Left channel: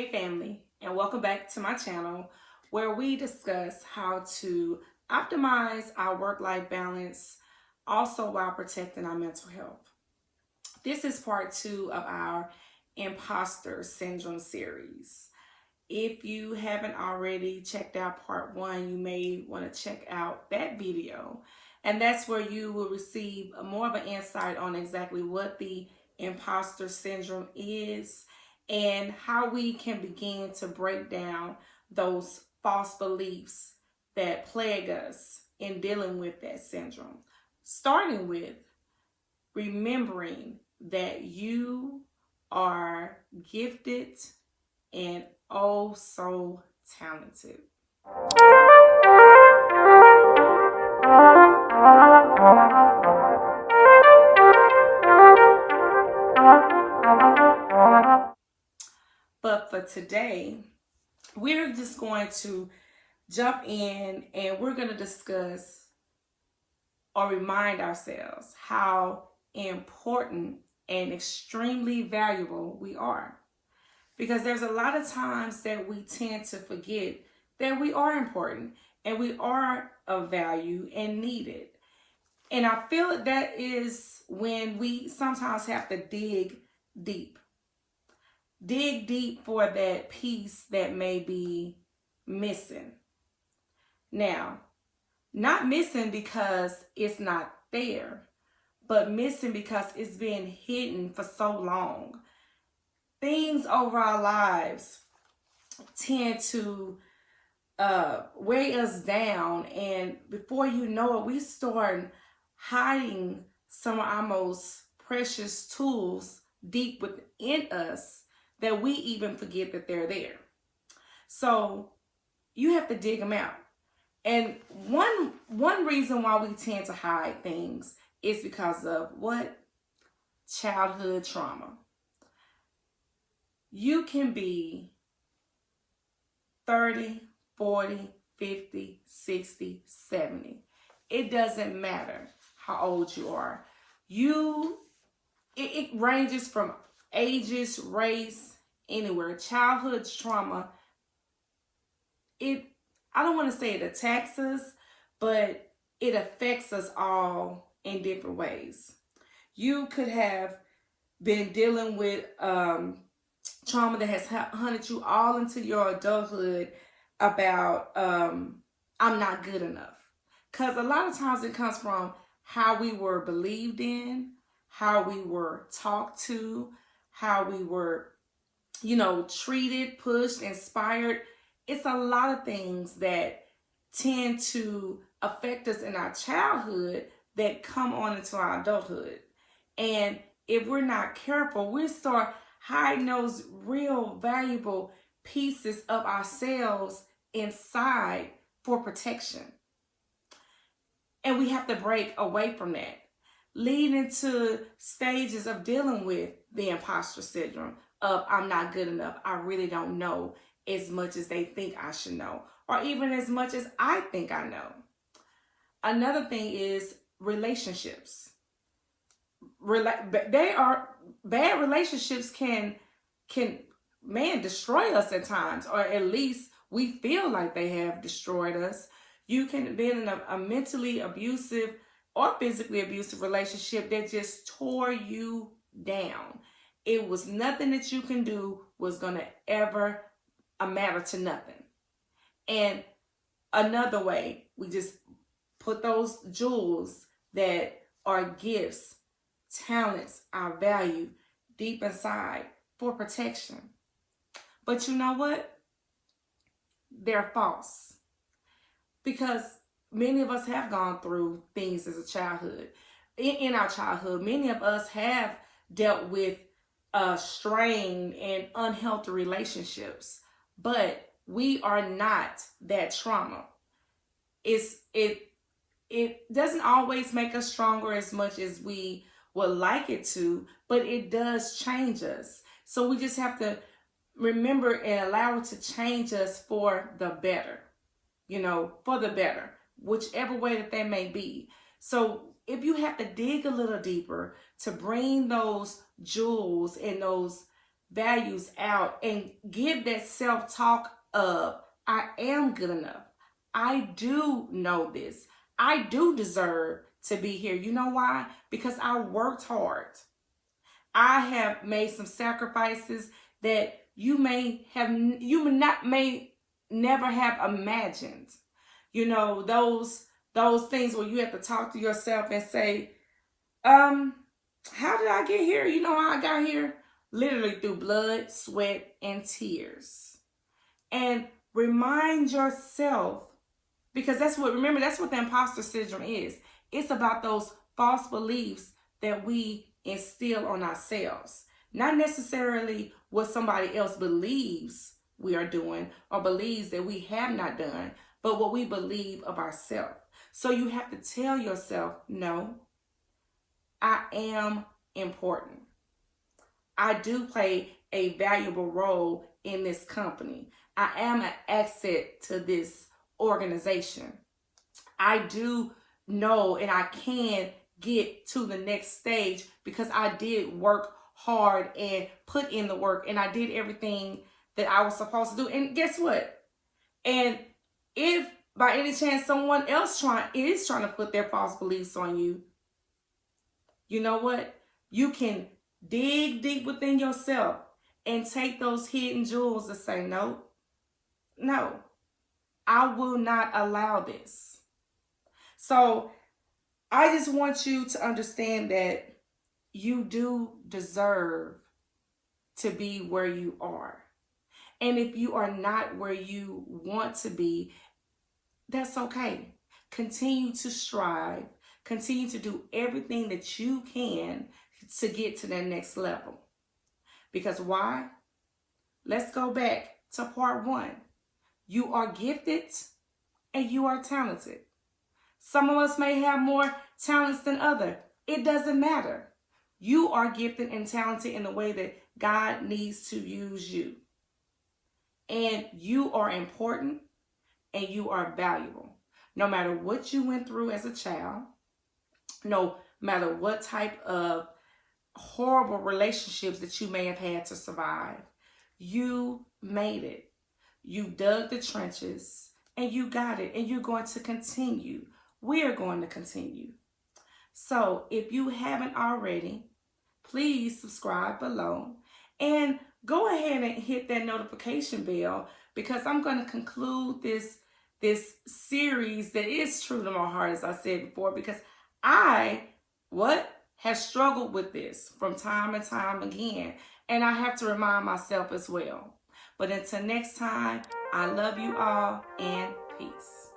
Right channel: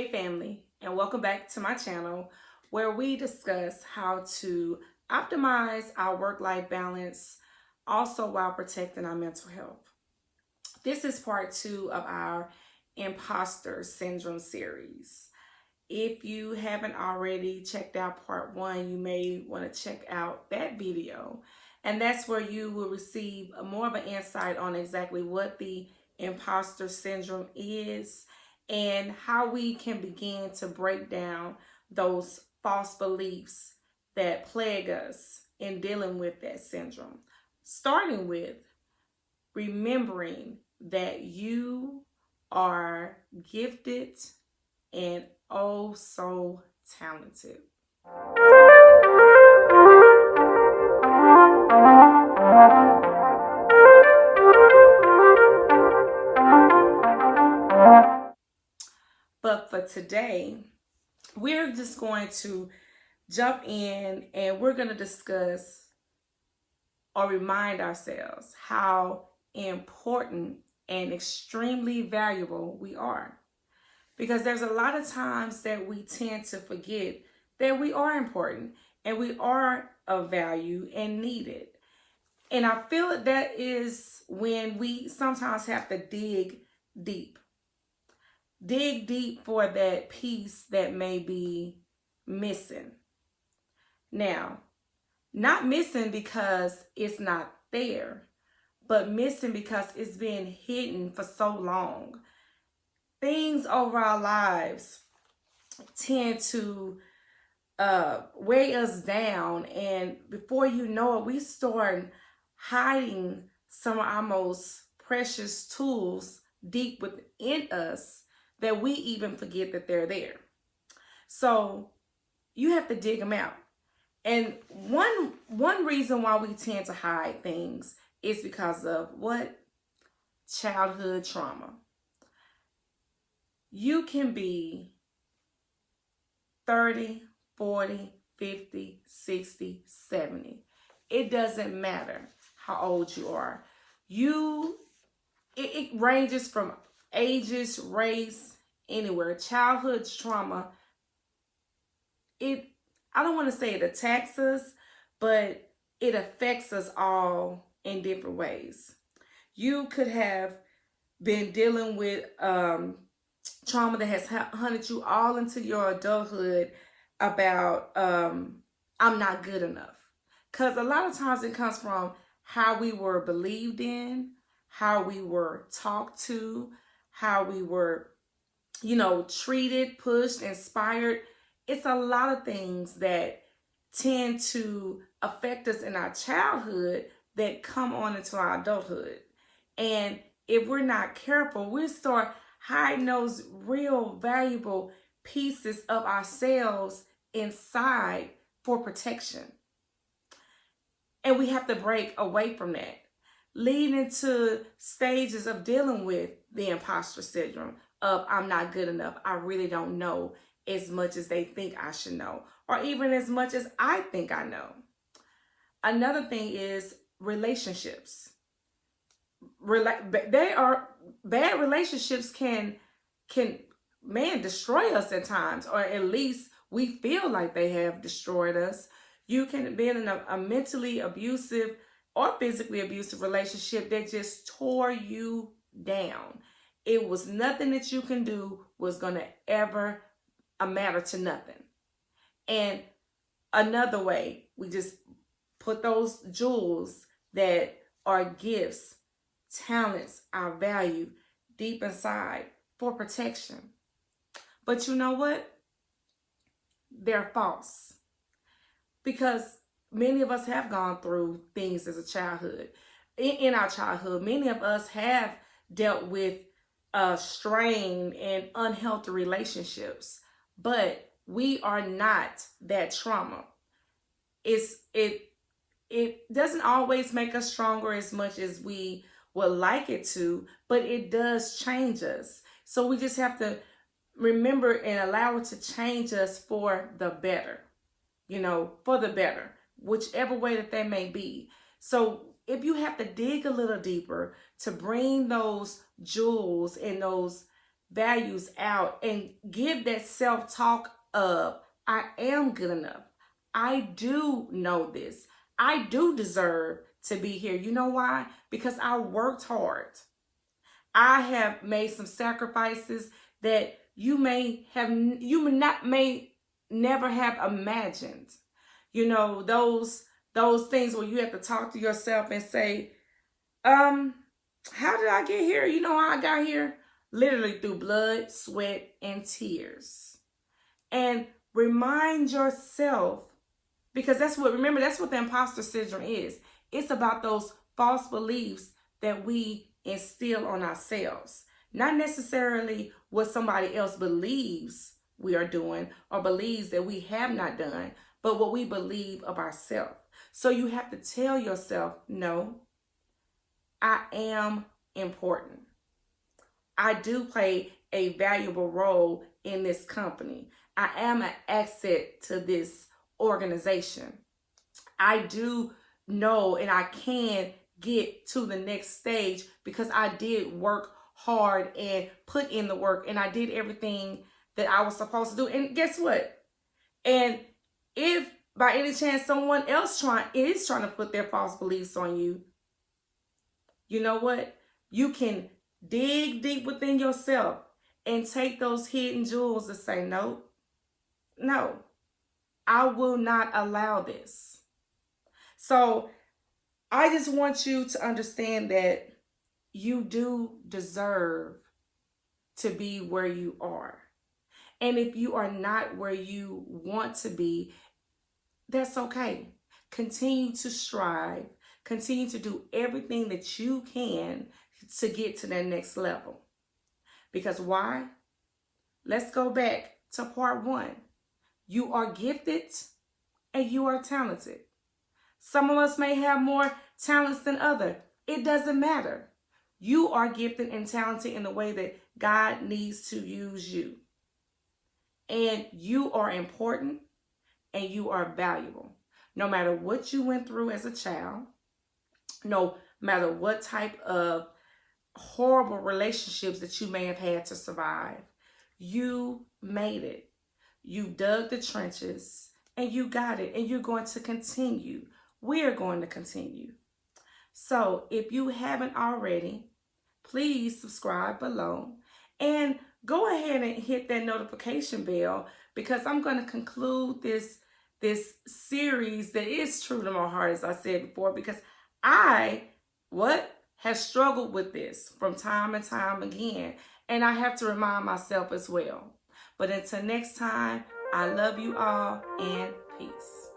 Hey family, and welcome back to my channel where we discuss how to optimize our work-life balance also while protecting our mental health. This is part 2 of our Imposter Syndrome series. If you haven't already checked out part 1, you may want to check out that video. And that's where you will receive more of an insight on exactly what the imposter syndrome is and how we can begin to break down those false beliefs that plague us in dealing with that syndrome. Starting with remembering that you are gifted and oh so talented. But for today, we're just going to jump in and we're going to discuss or remind ourselves how important and extremely valuable we are. Because there's a lot of times that we tend to forget that we are important and we are of value and needed. And I feel that is when we sometimes have to dig deep. Dig deep for that piece that may be missing. Now, not missing because it's not there, but missing because it's been hidden for so long. Things over our lives tend to weigh us down, and before you know it, we start hiding some of our most precious tools deep within us that we even forget that they're there. So you have to dig them out. And one reason why we tend to hide things is because of what? Childhood trauma. You can be 30, 40, 50, 60, 70. It doesn't matter how old you are. It ranges from ages, race, anywhere. Childhood trauma, I don't want to say it attacks us, but it affects us all in different ways. You could have been dealing with trauma that has hunted you all into your adulthood about I'm not good enough. Because a lot of times it comes from how we were believed in, how we were talked to, how we were, treated, pushed, inspired. It's a lot of things that tend to affect us in our childhood that come on into our adulthood. And if we're not careful, we start hiding those real valuable pieces of ourselves inside for protection. And we have to break away from that, leading into stages of dealing with the imposter syndrome of I'm not good enough. I really don't know as much as they think I should know, or even as much as I think I know. Another thing is relationships. Bad relationships can destroy us at times, or at least we feel like they have destroyed us. You can be in a mentally abusive or physically abusive relationship that just tore you down. It was nothing that you can do was going to ever matter to nothing. And another way, we just put those jewels that are gifts, talents, our value deep inside for protection. But you know what? They're false. Because many of us have gone through things as a childhood. In our childhood, many of us have dealt with strained and unhealthy relationships. But we are not that trauma. It doesn't always make us stronger as much as we would like it to, but it does change us. So we just have to remember and allow it to change us for the better, for the better, whichever way that may be. So if you have to dig a little deeper to bring those jewels and those values out and give that self-talk of, I am good enough. I do know this. I do deserve to be here. You know why? Because I worked hard. I have made some sacrifices that you may never have imagined. You know, those things where you have to talk to yourself and say, how did I get here? You know how I got here? Literally through blood, sweat, and tears. And remind yourself, because that's what the imposter syndrome is. It's about those false beliefs that we instill on ourselves. Not necessarily what somebody else believes we are doing or believes that we have not done, but what we believe of ourselves. So you have to tell yourself, no, I am important. I do play a valuable role in this company. I am an asset to this organization. I do know and I can get to the next stage because I did work hard and put in the work and I did everything that I was supposed to do. And guess what? And if by any chance someone else is trying to put their false beliefs on you, you know what? You can dig deep within yourself and take those hidden jewels and say, no, I will not allow this. So I just want you to understand that you do deserve to be where you are. And if you are not where you want to be, that's okay. Continue to strive. Continue to do everything that you can to get to that next level. Because why? Let's go back to part 1. You are gifted and you are talented. Some of us may have more talents than others. It doesn't matter. You are gifted and talented in the way that God needs to use you. And you are important and you are valuable. No matter what you went through as a child, no matter what type of horrible relationships that you may have had to survive, you made it. You dug the trenches and you got it, and you're going to continue. We're going to continue. So if you haven't already, please subscribe below and go ahead and hit that notification bell, because I'm going to conclude this series that is true to my heart, as I said before, because I have struggled with this from time and time again, and I have to remind myself as well. But until next time, I love you all and peace.